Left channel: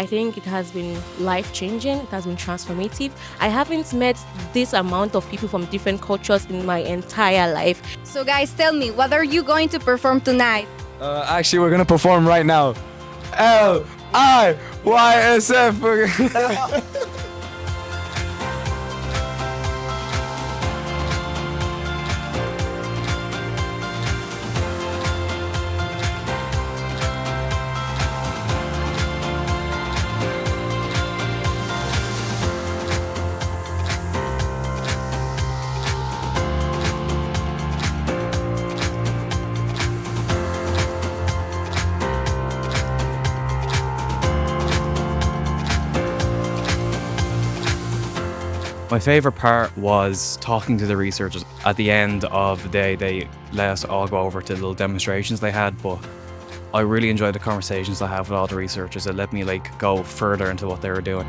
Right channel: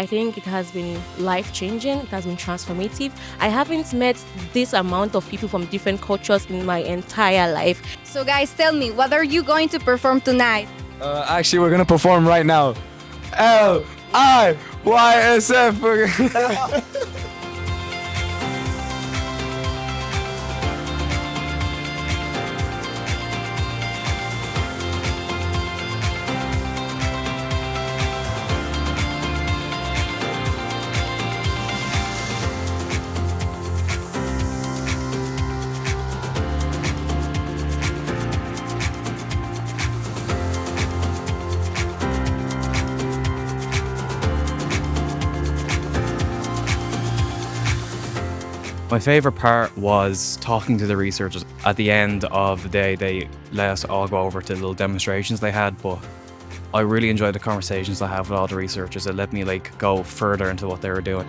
I think it has been life-changing. It has been transformative. I haven't met this amount of people from different cultures in my entire life. So guys, tell me, what are you going to perform tonight? Actually, we're gonna perform right now. LIYSF. My favourite part was talking to the researchers. At the end of the day, they let us all go over to little demonstrations they had, but I really enjoyed the conversations I had with all the researchers. It let me go further into what they were doing.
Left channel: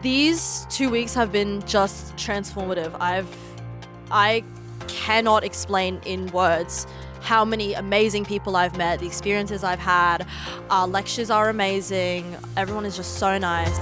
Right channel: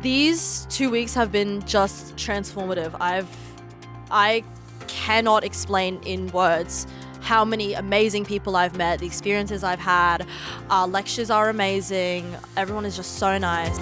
These 2 weeks have been just transformative. I cannot explain in words how many amazing people I've met, the experiences I've had. Our lectures are amazing. Everyone is just so nice.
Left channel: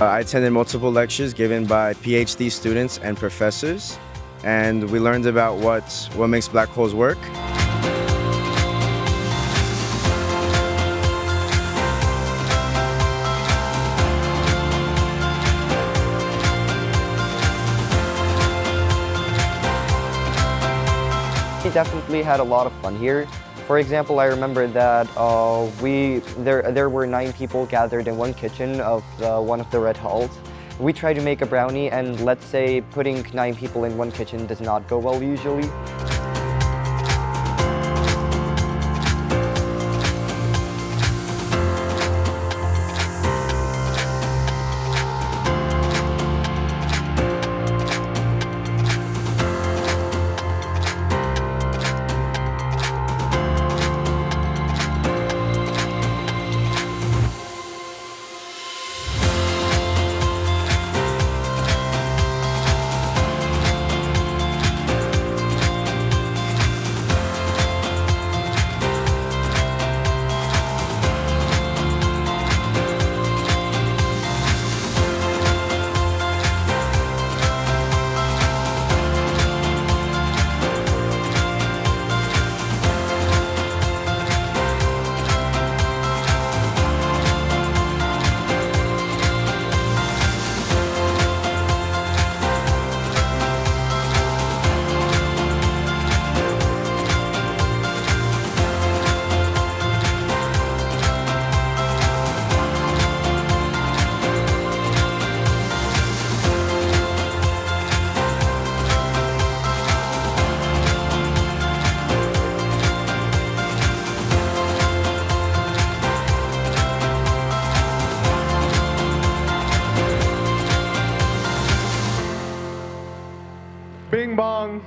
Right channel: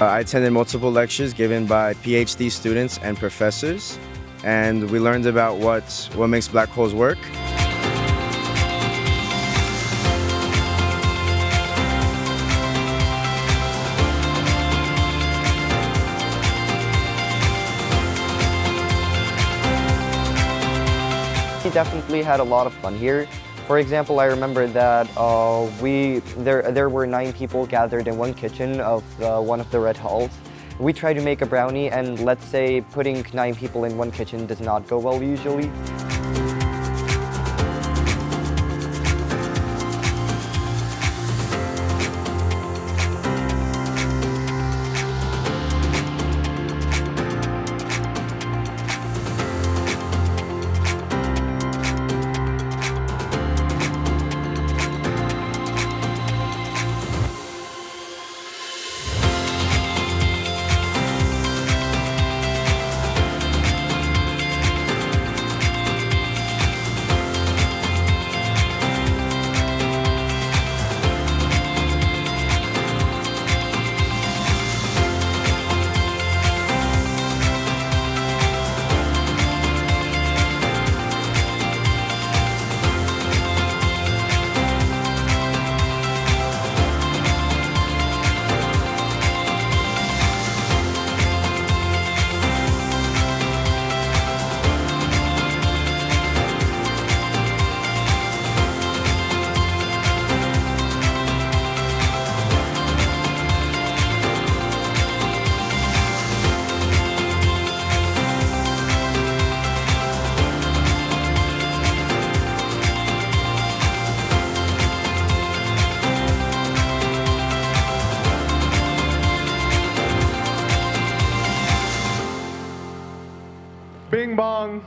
I attended multiple lectures given by PhD students and professors, and we learned about what makes black holes work. We definitely had a lot of fun here. For example, I remember that there were 9 people gathered in one kitchen of one of the red halls. We tried to make a brownie, and let's say putting 9 people in one kitchen does not go well usually. Bing bong.